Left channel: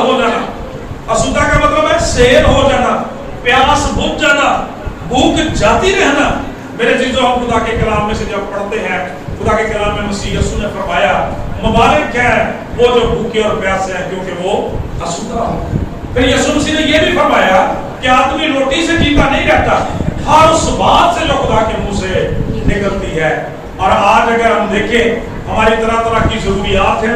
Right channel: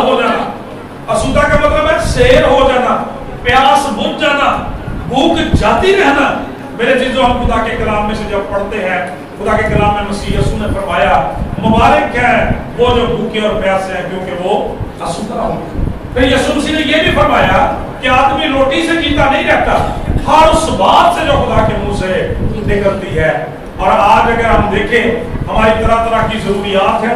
ہو جانا. اسودہ کا مطلب ہے سیر ہو جانا, پیاس بجھ جانا, بھوک جاتی رہنا. میرے چیزوں ہم خدا کے کلام میں سے جب پڑھتے ہیں, خدا کے کلام میں مسیح یسوع نے فرمایا مبارک ہے وہ جو بھوکے اور پیاسے ہیں کیونکہ وہ اسودہ ہوں. پھر یسوع مسیح نے یہ بھی فرمایا کہ آدمی روٹی سے جیتا نہیں رہتا, ہر اس بات سے جو خدا کے منہ سے نکلتی ہے. اور آج اگر ہم دیکھیں ہماری طرح طرح کی ضروریات ہیں,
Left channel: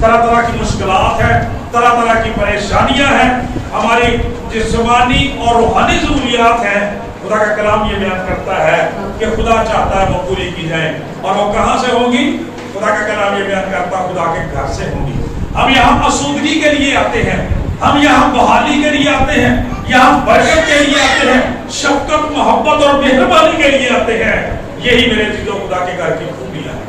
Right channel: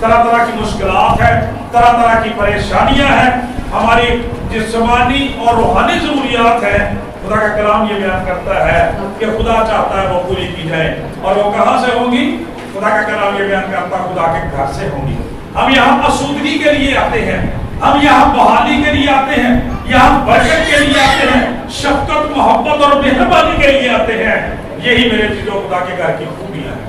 طرح طرح کی مشکلات ہیں, طرح طرح کی پریشانیاں ہیں, ہماری جسمانی اور روحانی ضروریات ہیں. خدا کا کلام یہ بیان کرتا ہے کہ خدا چاہتا ہے وہ پوری کی جائیں. اور وہ کہاں سے ہوں گی؟ خدا کا کلام یہ بیان کرتا ہے خدا کے گھر سے ہوں گی. ہم یہاں آسودگی کے لیے آتے ہیں, ہم یہاں بحالی کے لیے آتے ہیں, یہاں برکت کے لیے آتے ہیں, شفقت محبت اور مہربانی کے لیے آتے ہیں. یہی میرے چیزوں خدا کے گھر کی خوبیاں ہیں.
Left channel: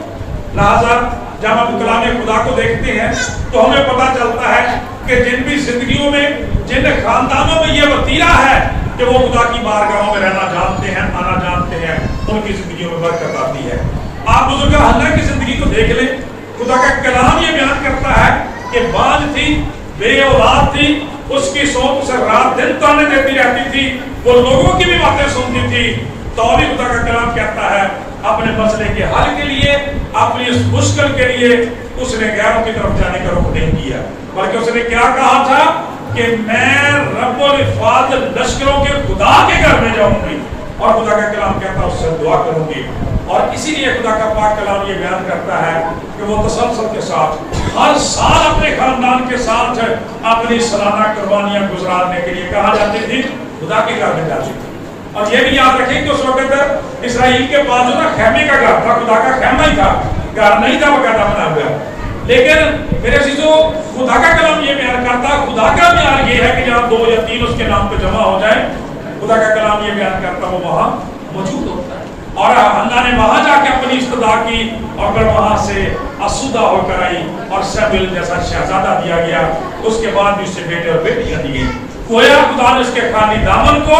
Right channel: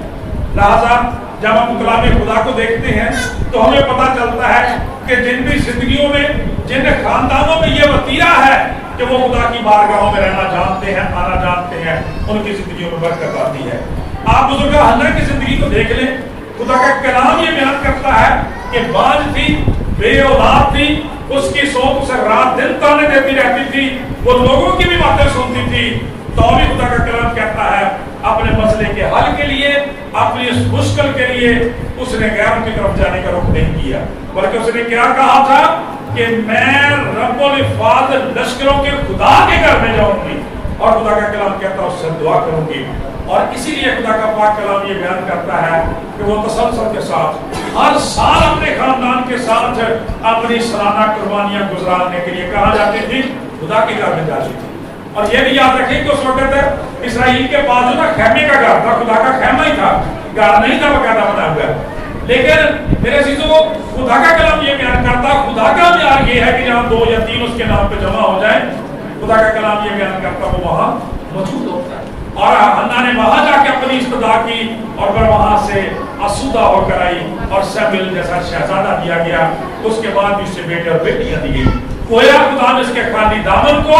لہذا جب ہم کلام خدا کو دیکھتے ہیں تو ہمیں پتہ چلتا ہے کہ جن بھی زندگیوں میں, جن خاندانوں میں یہ وتیرہ ہے کہ وہ خدا کی بارگاہوں میں رہنا جانتے ہیں, آنا جانتے ہیں, ان کی زندگیوں میں برکت آتی ہے. آپ بزرگ حنا کی زندگی کو دیکھ لیں, خدا کا کلام یہ بیان کرتا ہے کہ باج تھی, بے اولاد تھی, اس کی سوچ اسے رات دن تانے دیتی رہتی تھی, وہ لوگوں کی بھی باتیں سنتی تھی, تو بھی خدا کا کلام کہتا ہے اپنے مسئلے کے حل کے لیے, اپنی اس مشکل کے لیے اس نے غیروں کی طرف جانے کا رخ نہیں کیا, بلکہ اس نے کیا کہا تھا کہ میں رب الافواج لشکروں کے خدا کے گھر میں جاؤں گی. اور خدا کا کلام کہتا ہے اس سے دعا کروں گی. اور اسی لیے خدا کا پاک کلام یہ بیان کرتا ہے کہ وہ تسلسل کے ساتھ ہر سال اپنے خاندان کے ساتھ اپنی سالانہ قربانیاں گزارنے کے لیے کہاں جاتی تھی؟ خدا کے گھر میں جاتی تھی. اور یہ بھی یاد رکھیں کہ اس وقت اسرائیل کے پاس جو نا خیمے کا گھر تھا, خدا کا خیمہ ہی تھا, گھر نہیں تھا باقاعدہ بنا ہوا. لیکن میرے عزیزوں خدا کا کلام یہ بیان کرتا ہے, خدا کا معیار یہ ہے کہ جہاں 2 یا 3 اس کے نام پہ جمع ہو جائے, خدا کا کلام یہ بیان کرتا وہ وہاں موجود ہوتا ہے. اور حنا نے وہاں جا کے اپنی استدا کی اور پھر وہاں سے آسودہ ہو کر آئی اور سیموئیل جیسا شہزادہ دیا گیا. اس کے بعد بھی اسے بیٹے اور بیٹیاں دی گئی. گویا خدا نے اس کے خالی دامن کو,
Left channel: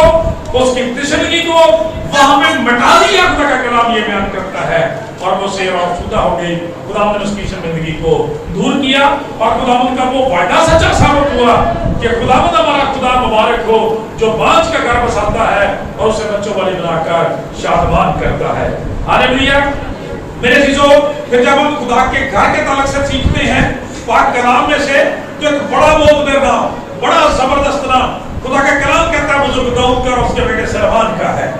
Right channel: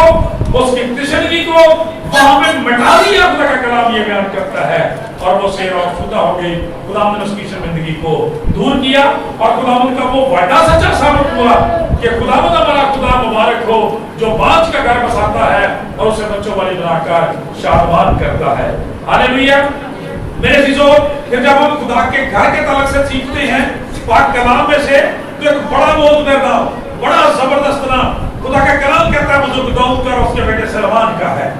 اس کی تشنگی کو وہاں میں مٹا دیا. خدا کا کلام یہ بیان کرتا ہے اور وہ سیر اور آسودہ ہو گئی. خداوند نے اس کی شرمندگی کو دور کیا اور خداوند کا وہ وعدہ سچا ثابت ہوا کہ خداوند ہمارا خدا مبارک ہو جو بانج کا گھر بساتا ہے اور اسے بچوں والی بنا کر شادمان کرتا ہے. ہاللیلویا. میرے عزیزو پھر جب ہم خدا کے گھر کے تعلق سے سیکھتے ہیں پاک کلام میں سے, تو ایک بڑا معتبر نام, بڑا زبردست نام خدا کا کلام کہتا ہے بزرگ داؤد کا اور اس کے بیٹے سلیمان کا ہے.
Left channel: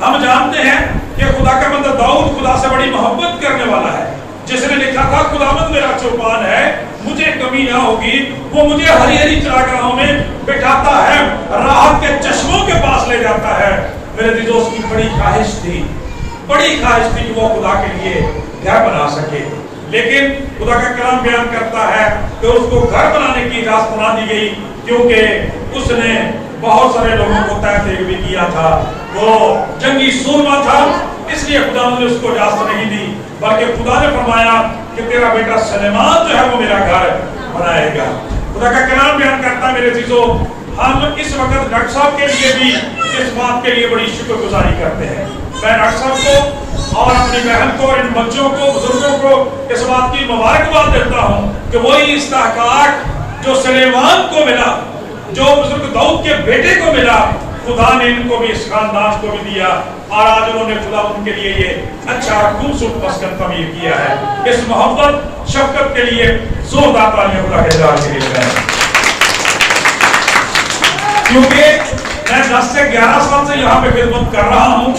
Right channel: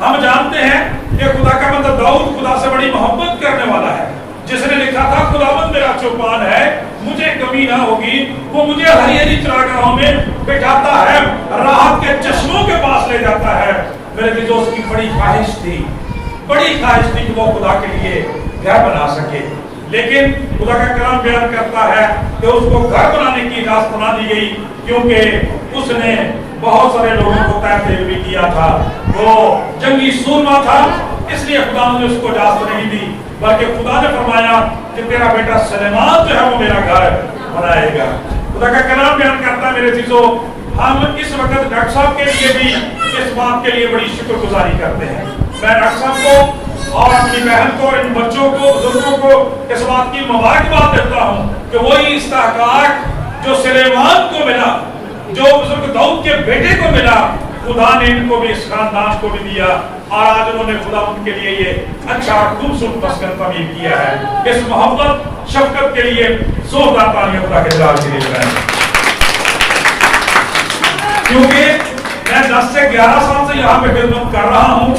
ہم جانتے ہیں کہ خدا کا بندہ داؤد خدا سے بڑی محبت کرنے والا ہے, جس نے لکھا تھا خداوند میرا چوپان ہے, مجھے کمی نہ ہوگی, وہ مجھے ہری ہری چراگاہوں میں بٹھاتا ہے, راحت کے چشموں کے پاس لے جاتا ہے. میرے دل دوست کی بڑی خواہش تھی کہ وہ خدا کے لیے گھر بنا سکے. لیکن خدا کا کلام بیان کرتا ہے کہ اس کو گھر بنانے کی اجازت نہ دی گئی, کیونکہ اس نے بہت سارے لوگوں کو تحقیق بھی کیا تھا, وہ جنگی سورما تھا, اس لیے خدا نے اس کو اجازت نہیں دی. بلکہ خدا نے فرمایا کہ تیرا بیٹا سلیمان جو ہے وہ میرا گھر بنائے گا. خدا کا کلام بیان کرتا ہے میرے عزیزو, ہم اس وقت ڈاکٹر صاحب کے لیے بھی اس بات کے لیے بڑی شکر گزاری کرتے ہیں. میں ڈاکٹر صاحب کو اور اپنی بہن کو اور ان بچوں کو, بزرگوں کو اس بات کی مبارکباد دیتا ہوں کہ وہی استحقاق جو سلیمان کو ملا, جو بزرگ داؤد کے بیٹے کو ملا, خدا نے ان کو بھی, اس خاندان کو بھی دیا. اور آج انہوں نے خدا ان کے لیے یہ اچھا خوبصورت مسکن تعمیر کیا ہے. اس محبت شفقت کے لیے زوردار تالیاں خدا کے جلال کے لیے لگائیں. کیونکہ میں 10 سے 11 سال سے یہاں پہ خدمت کر رہا ہوں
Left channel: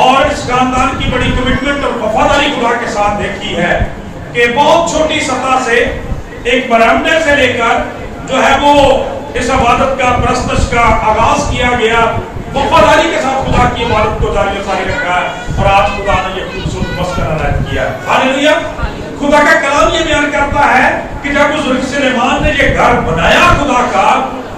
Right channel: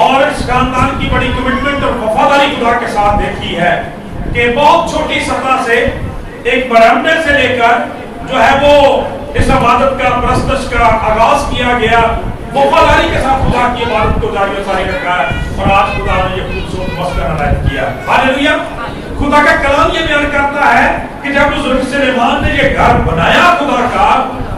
اور اس خاندان کی بڑی کمٹمنٹ اور وفاداری خدا کے ساتھ دیکھی ہے کہ بہت چھوٹی سطح سے ایک برہمنے سے لے کر جو ہے وہ اس عبادت کا, پرستش کا آغاز کیا گیا, وفاداری کے ساتھ خدا کی عبادت کو جاری و ساری رکھا ہے اور آج خدا نے یہ خوبصورت مسکن عنایت کیا ہے. ہاللیلویا. خدا کا کلام یہ بیان کرتا ہے کہ جب بزرگ سلیمان نے یہ گھر بنایا خدا کا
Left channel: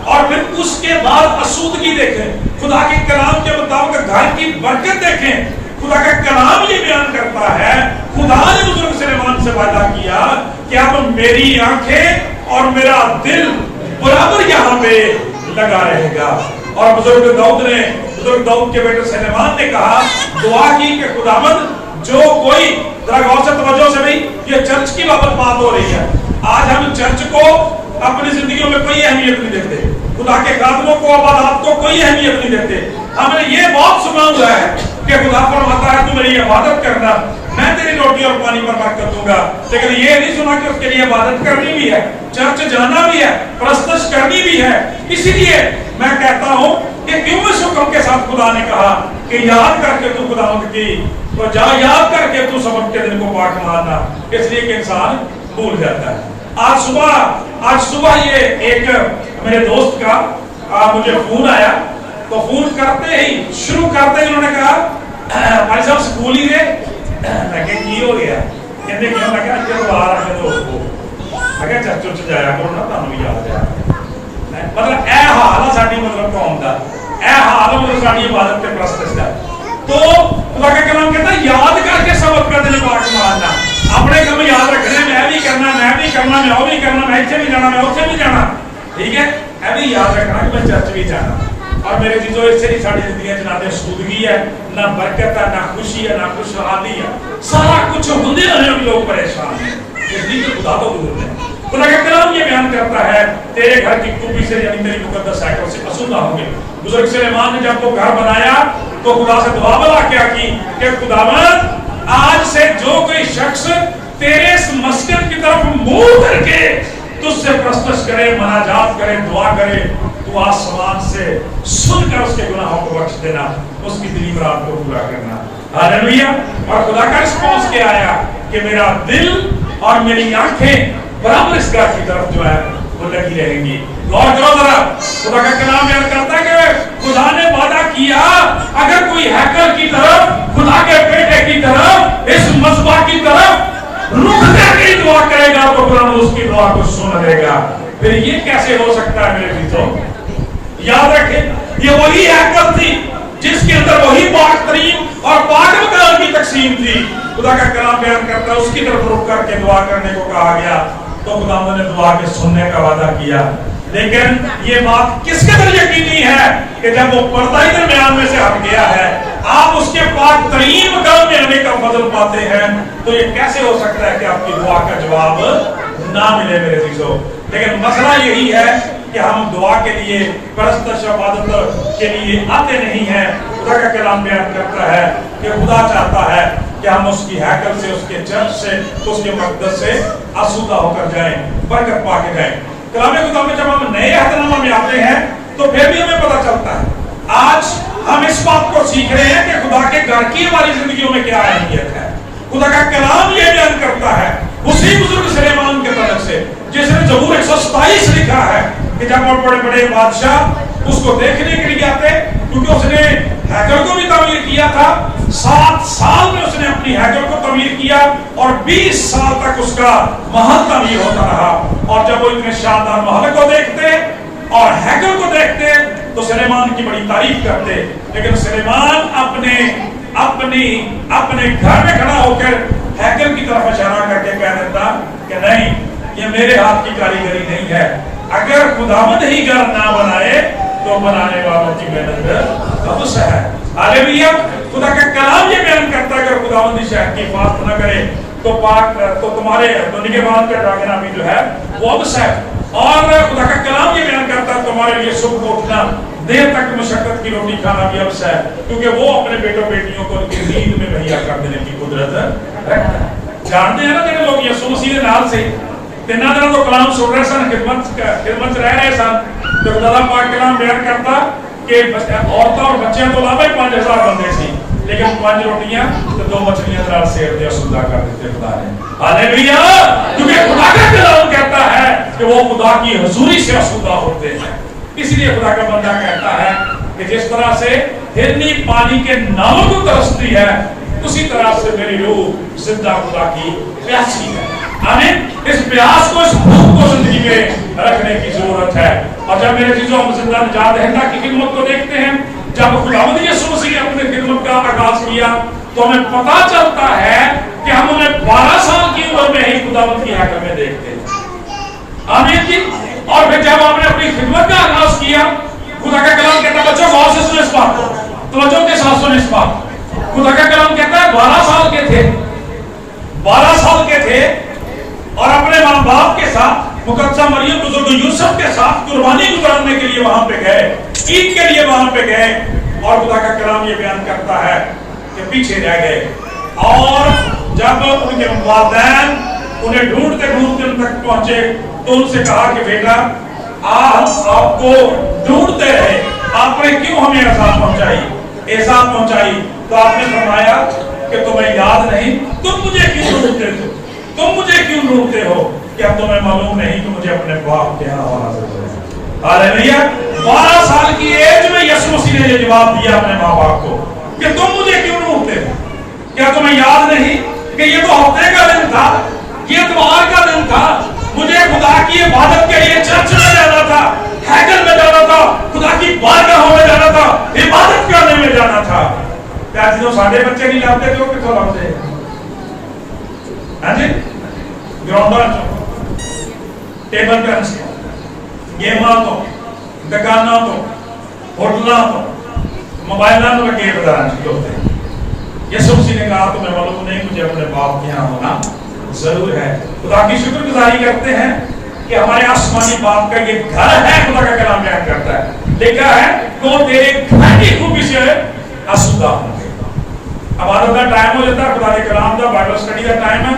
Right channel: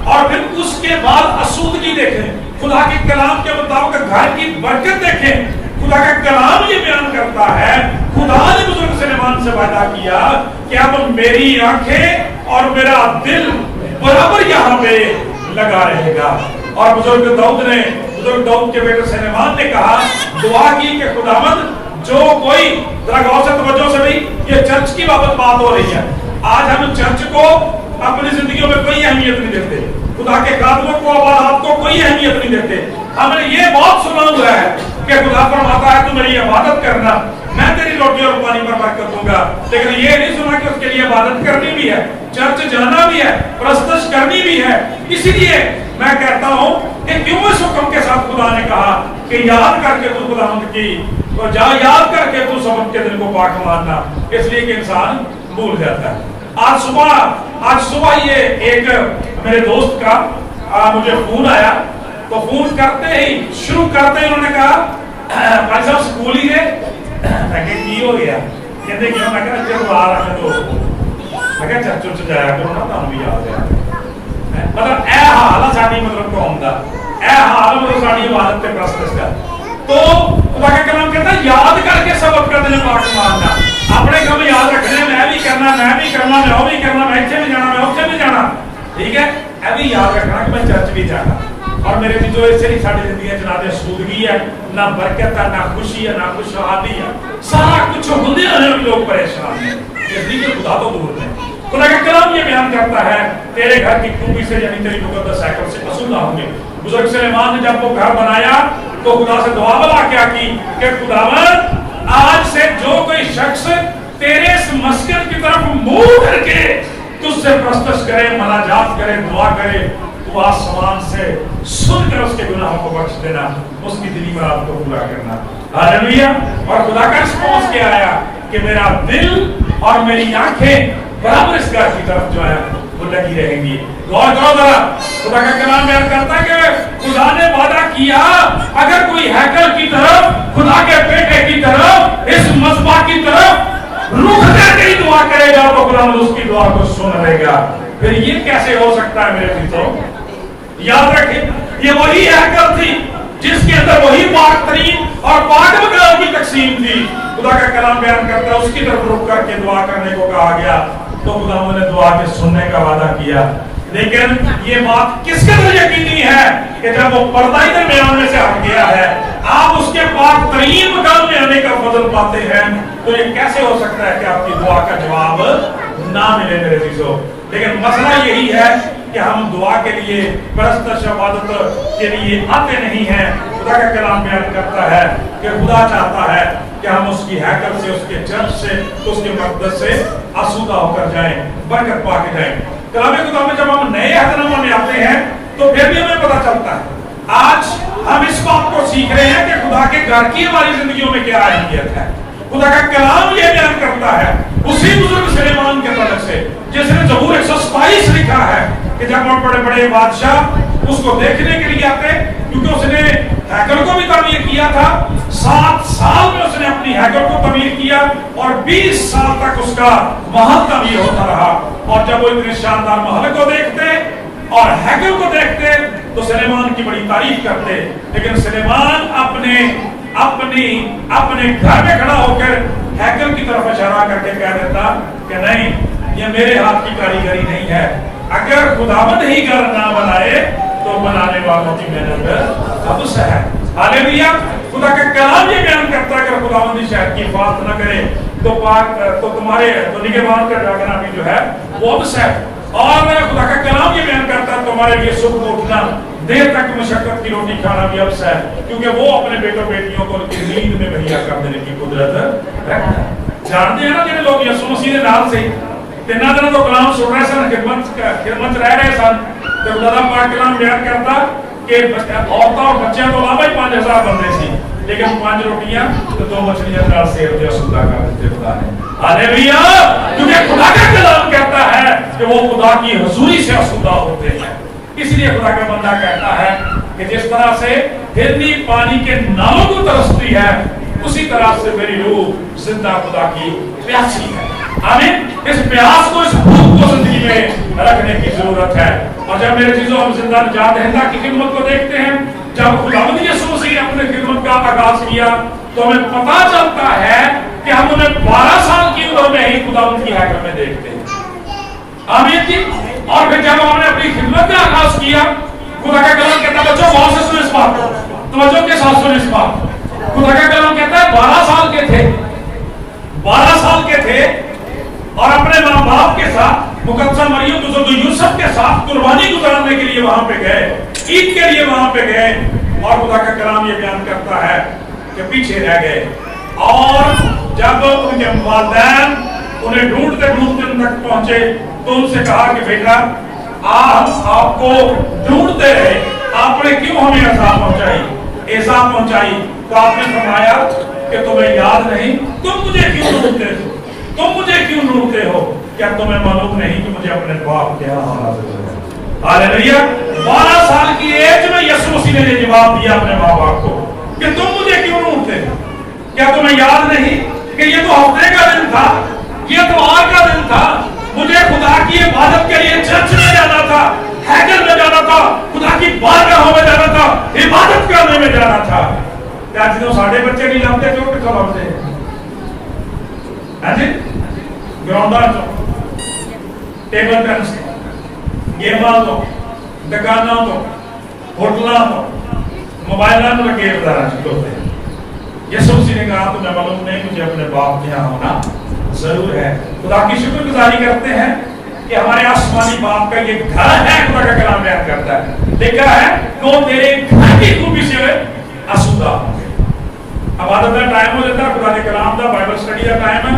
اور پھر اس کے بعد آسودگی دیکھیں, خدا کے کلام کے مطابق گھر کی برکت دیکھیں, خدا کا کلام یہ بیان کرتا ہے خدا نے بزرگ سلیمان سے وعدہ کیا کہ اب میری آنکھیں اور میرا دل برابر یہاں پہ لگا رہے گا. اور بزرگ داؤد کے بیٹے سلیمان نے کہا, دعا کی کہ خداوند جو کوئی, ذرا غور سے توجہ سے, بھی یہ چرچ کی بابت بات ہو رہی ہے, آج ہم چرچ کو अपनी जिंदगियों में कोई अहमियत नहीं देते, खुदा के कामों को, इबादत को कोई अहमियत नहीं देते। हमने ये बहुत सुना हुआ है कि खुदा फरमाता है तू मेरी इबादत करना, मैं तेरी रोटी और पानी पर बरकत दूंगा, लेकिन ये नहीं सुना कि उसके लिए इबादत करनी भी है, चर्च जाना भी है, परस्तश करनी भी है। इसीलिए मैं कहता हूँ कि क्यों इस हुक्म के साथ खुदा ने कहा कि याद करके तू खुदावंद की, तो जा याद करके तू सबत के दिन को पाक मानना, इसलिए कि इंसान भूल जाता है। आज सुबह ये एक मेरे दोस्त का मुझे फोन आया, तो फोन करते ही शुरू करते ही उन्होंने कहा भाई साहब स्कूल ही गए। मैं कहा की हो गया, कहते क्यों? मैं कहा जब आ रहा है दोस्त को, मैं कहा चर्च जाया करो ना, तुहानू भी याद है। मतलब ए हाल है साडी मतलब कौम दा, ए हाल मतलब साडी इबादत ते प्रस्तश दा। तो खुदा का कलाम कहता है याद करके सबक का दिन पाक मानना, अपने काम याद रखने, मैं भी करना, मैं भी करना, मैं वो भी करना, मैं इत्थे भी जाना, मैं उत्थे भी जाना, ठीक है, ऐ भी याद रखना कि मैं चर्च भी जाना। और मेरे चीजों इससे नहीं साडी जिंदगी च ना ते सूदगी है, ना बरकत है, ना खुशी है, ना खुशहाली है, सारा कुछ होंदे हुए भी लोग परेशान हैं, इसलिए कि खुदा तो दूर है। खुदा का कलाम ये बयान करता है तेरे घर की खूबी से यानी तेरी मुकद्दस हैकल से आसूदा होंगे। बुजुर्ग सुलेमान ने जब वो घर बनाया तो खुदा से दुआ बला क्या की कि खुदावंद आज से जो कोई शख्स तेरे इस मस्कन की तरफ मुंह करके तुझसे प्रस्तश करे, मनाजात करे, दुआ करे, तो आसमान से सुनकर उसके गुनाहों को बख्श देना, उसकी दिली मुराद को पूरा करना। हालेलुया। और खुदा का रिस्पॉन्स क्या आया कि मेरा दिल और मेरी आंखें बराबर इस घर की तरफ जो है वो लगी रहेंगी। गौर करो जरा, खुदा का कलाम बयान करता है कि खुदा ने वादा किया अगर कोई हैकल की तरफ, खुदा के बेटे की तरफ, इस मस्बा की तरफ रुक करके ही दुआ करेगा तो खुदा उसकी दुआ को सुन लेगा। फिर ये कैसे हो सकता है मेरे मित्रों? याद रखें ये वही हैकल थी जिसके अंदर वही पाक तरीन और पाक मकान की तकसीम थी। खुदा का कलाम बयान करता है उसकी तरफ रुक करके दुआ करने को कहा गया, तो खुदा ने दुआ के सुनने का वादा किया। लेकिन ये बात किस कदर यकीनी है कि जब वो पर्दा ही दरमियान में से हट गया है, आप उसके पाक तरीन मकाम में आने का फजल पाते हैं, तो ये कैसे हो सकता है कि आपकी दुआ का जवाब ना मिले मेरे चीजों? लेकिन मसला यही है कि हम दुआ के लिए, परस्तश इबादत के लिए आते नहीं हैं। खुदा का कलाम बयान करता है कि खुदा चाहता है कि हम उसकी हैकल से, उसके चर्च से, उसके मक़दस से आसूदा होकर जाएं, बरकत पा के जाएं। कलाम खुदा में जब हम नए अहदनामा में आते हैं तो फिर भी हमें पता चलता है, आज हम इस बात को सीख रहे हैं कि खुदा के घर की हमारी जिंदगियों में क्या अहमियत है। खुदा का कलाम ये बयान करता है उसी बुजुर्ग सुलेमान के तरफ से जिसने ज़बूर 127 लिखा है कि जब बड़े बड़े बादशाह उसको देखने के लिए आते, क्योंकि उसने हैकल को भी तमीर किया था, 7 साल में उसने अपनी हैकल को तमीर किया और 20 साल तक उसका महल तमीर होता रहा। और जब वो इतने शानदार महल को देखते और हैकल को देखते तो सुलेमान की बड़ी तारीफ करते, लेकिन सुलेमान अपने घर में खड़ा होकर हैकल की तरफ इशारा करके कह देता कि नहीं, ये मेरे हाथ की कारीगरी नहीं है, अगर खुदावंद ही घर ना बनाए तो बनाने वालों की मेहनत अबस है। हालेलुया। खुदा का कलाम ये बयान करता है अगर खुदावंद शहर की हिफाजत न करे तो तुम्हारे निगहबान का जागना भी जो है वो अबस है। और खुदा का कलाम ये बयान करता है तुम्हारे लिए सुबह उठना, देर तक मशक्कत की रोटी खाना भी अबस है, क्योंकि वो अपने बेटों बेटियों को उनकी नींद में मुहैया कर देने की कुदरत रखता है। जानते हैं ना जिन्हें लोग यीशु मसीह के नाम से 3 दिनों को कलाम सुन रहे सन, खिदमत रह रहे सन, तो खुदा पाक कलाम बयान करता कि औरतां और बच्चियां तो अलावा ही 5000 बंदे सी, लेकिन 5 रोटियां तो 2 मछलियां नाल सेब दिया सुदा कर देते खुदा ने। हालेलुया। क्योंकि खुदा का कलाम कहता है कि वो खुदा की हुजूरी से आसूदा होते हैं। इसलिए खुदा का बंदा कहता है कि जिस तरह से हिरनी पानी के नालों को तरसती है, उसी तरह से मेरी रूह जिंदा खुदा की प्यासी है। आमीन। इस प्यास को, इस भूख को जिंदगी में रखने की जरूरत है। और जब मेरे चीजों हम जिंदा निजात दहिंदा की खिदमत को देखते हैं, जब खुदावंद यीशु मसीह ने अपने खिदमत का आगाज किया तो हमें पता चलता है कि हम उन्हें 12 साल की उम्र में ही खुदावंद की हैकल में देखते हैं। आमीन जी। और फिर जब आपने अपनी खिदमत का आगाज किया, खुदा का कलाम कहता है, बच्चों गौर से सुनो इस बात को, तवज्जो के साथ सुनो इस बात। खुदा का कलाम कहता है 12 साल के थे और अपने माँ बाप के साथ मुकद्दसा मरियम बुजुर्ग यूसुफ के साथ कुर्बानी गुजारने के लिए वहां पे गए, ईद के लिए वहां पे गए, और खुदा का कलाम ये बयान करता है कि पीछे रह गए। और जब उनके वालिदैन उन्हें ढूंढते ढूंढते उन तक पहुंचे तो उनसे कहा कि बेटा आप आपको ढूंढते रहे, आपने क्यों हमें अज़ाब पहुंचाई? तो आपने फरमाया कि तुम्हें याद नहीं, तुम मुझे क्यों ढूंढते हो? क्या तुम्हें मालूम नहीं कि मुझे अपने बाप के यहाँ होना जरूरी है? हालेलुया। 12 साल की एज में यीशु मसीह ने ये जवाब दिया अपने माँ बाप को कि तुम मुझे क्यों ढूंढते हो? क्या तुम्हें याद नहीं कि ये तो हफ्ते का दिन था, ये इतवार का दिन था, मुझे खुदा की इबादत के लिए चर्च में जाना था, हैकल में जाना था, खुदा की बारगाहों में जाना था, इबादत करने में जाना था। क्या चीजों साढ़े बच्चे नहीं लाते जो कितना लाते? हाँ जी, ग्राउंडा चो, टेबल टेनिस गेमां तो, दुकाना तो, होटलों तो, मोबाइल के बजारा होते हैं। यीशु मसीह ने कहा तुम्हें मालूम नहीं मुझे अपने बाप के यहाँ होना जरूर है। खुदा की शुक्रगुजारी करते हैं कि हमारे आसमानी बाप का ये घर है। खुदा का कलाम बयान करता है, लिखा है वो तेरे घर की खूबी से आसूदा होंगे। इबादत का टाइम हो जाता है, खुदा के कलाम का बाइबल स्टडी का टाइम है,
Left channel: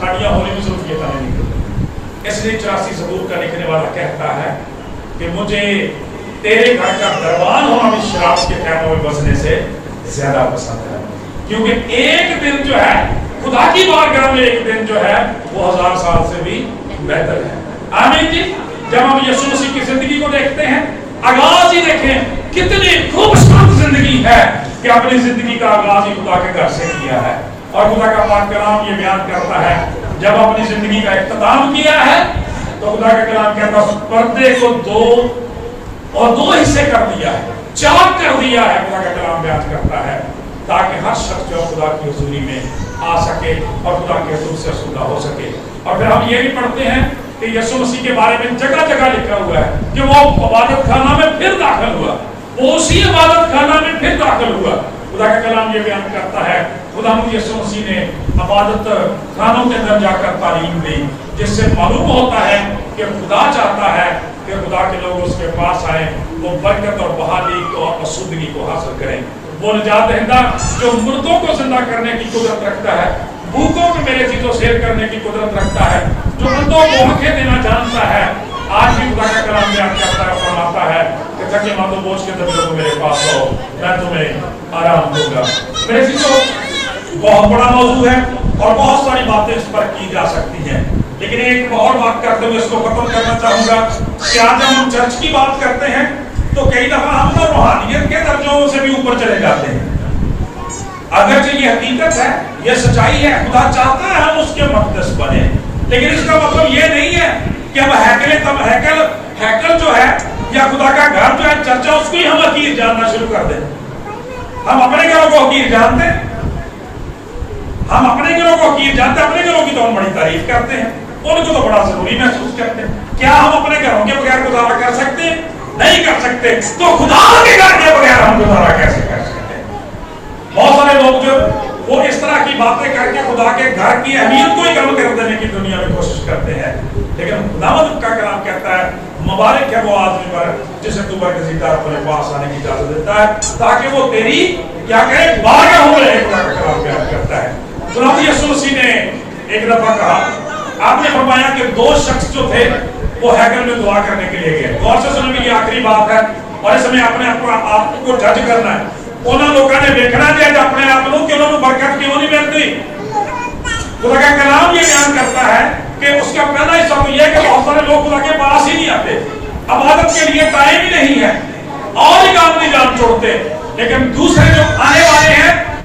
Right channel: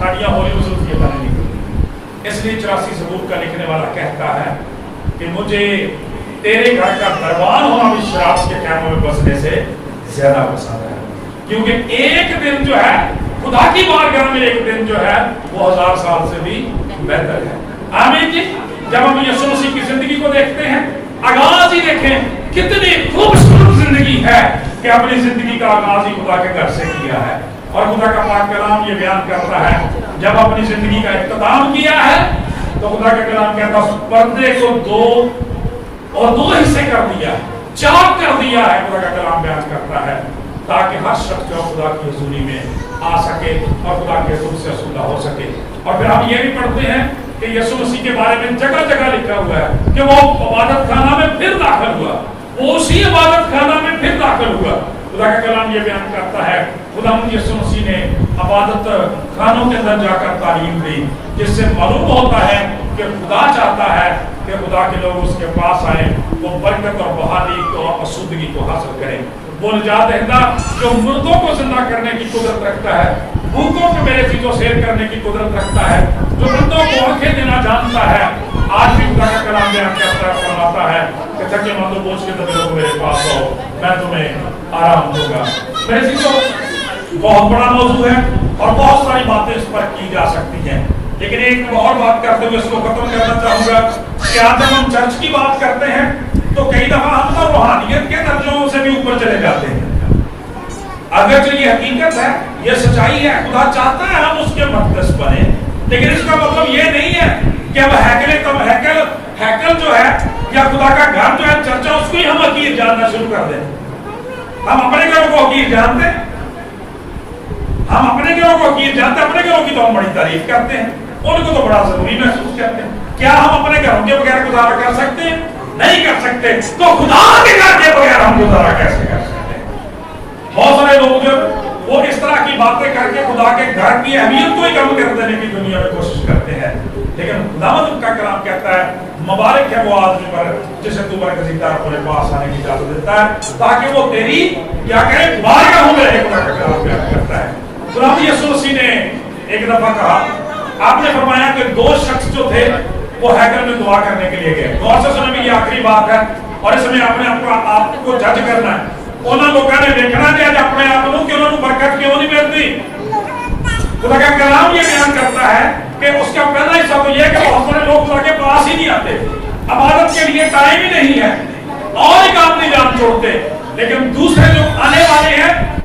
साड़ियाँ होली मुसलफियत नहीं निकलती। इसलिए 84 ज़बूर का लिखने वाला कहता है कि मुझे तेरे घर का दरबान होना भी शराब के खैमों में बसने से ज्यादा पसंद है, क्योंकि एक दिन जो है खुदा की बारगाह में, एक दिन जो है वो 1000 साल से भी बेहतर है। आमीन जी। जब हम यीशु मसीह की जिंदगी को देखते हैं, आगाज ही देखें कितनी खूबसूरत जिंदगी है कि अपनी जिंदगी का आगाज ही खुदा के घर से किया है। और खुदा का पाक कलाम ये बयान करता है जब अपनी जिंदगी का इख्तिताम किया है तो खुदा का कलाम कहता है पर्दे को दो हिस्से कर दिया है, 4 कर दिया है। खुदा का कलाम बयान करता है ताकि हर शख्स जो खुदा की हुजूरी में आ सके और खुदा के हुजूर से आसूदा हो सके। और फिर हम ये भी पढ़ते हैं कि यीशु मसीह के बारे में जगह जगह लिखा हुआ है कि वो इबादत खाना में फिर दाखिल हुआ, वो उसी इबादत खाना में फिर दाखिल हुआ। खुदा का कलाम ये बयान करता है खुदा यीशु मसीह ने इबादत खानों के अंदर जाकर तालीम दी, जिससे मालूम होता है कि खुदा चाहता है कि खुदा के लोग उसके पास आए, वो बरकत और बहाली और अशुद्धि को हासिल करें। वो निजात दहिंदा जो मुर्दों को जिंदा करने की कुदरत रखता है, भूखों को मेरे चीजों शेर करने की कुदरत रखता है, जो बंदों को आंखें देना जानता है। आज भी खुदा का कलाम बयान करता है, फरमाता है कि थके माथों बोझ के दर्द मेरे पास आओ, मैं तुम्हें आराम दूंगा। मेरे चीजों बहुत बड़ा मौजू है और बहुत सारी बातें इस पर की जा सकती हैं, लेकिन एक और बात करते हुए इसको खत्म करना चाहूंगा कि आज जब हम चर्च की बात करते हैं तो कई दफा हम तो रूहानियत के दर्जों से भी ऊपर चले जाते हैं। अगर जो ये हकीकत है, ये सच्चाई है, खुदा चाहता है हम उसके मक़दस बने, लेकिन इसका मतलब ये नहीं है कि अब हैकल जो है या खुदा का घर जो है चर्चा, उसको ही हम हकीर जानना शुरू कर दें। हम अपने घरों को हकीर जानते हैं, हम अपने घरों को हकीर जानते हैं, अपने घरों की तो हम बड़ी तारीफ करते हैं, उनको तो बड़ा जरूरी महसूस करते हैं। क्या हम अपने घरों के बगैर गुजारा कर सकते हैं? नहीं कर सकते। तो खुदा के घर के बगैर हम गुजारा कैसे कर सकते हैं? बहुत सारे लोग जो वो इस तरह की बातें करके खुदा के घर की अहमियत को ही कम कर देने की दुनिया में कोशिश करते हैं, लेकिन खुदावंद का कलाम कहता है मुबारक है वो आदमी पर जिसे तू बरगज़ीदा अपने पास आने की इजाजत देता है, ताकि वो तेरी क्या करे बारगाह में रहे। खुदा का कलाम बयान करता है। खुदा यीशु मसीह ने एक दफा कहा, आपने फरमाया कि 2 शख्स जो थे वो हैकल में दुआ करने के लिए गए। गौर से सुने, ये आखिरी बात है और इसमें अपने आपको जज करना है। उन्होंने लोगों ने देखना चाहिए अपने आप को कि उन्होंने बरकत क्यों नहीं मिलती। खुदा का कलाम ये बयान करता है कि उसका पहला हिस्सा तो यह है कि बहुत सारे लोग खुदा के पास ही नहीं आते, इबादत के लिए टाइम ही नहीं है और ही काम नहीं जान छोड़ते, लेकिन दूसरे जो आने वाले हैं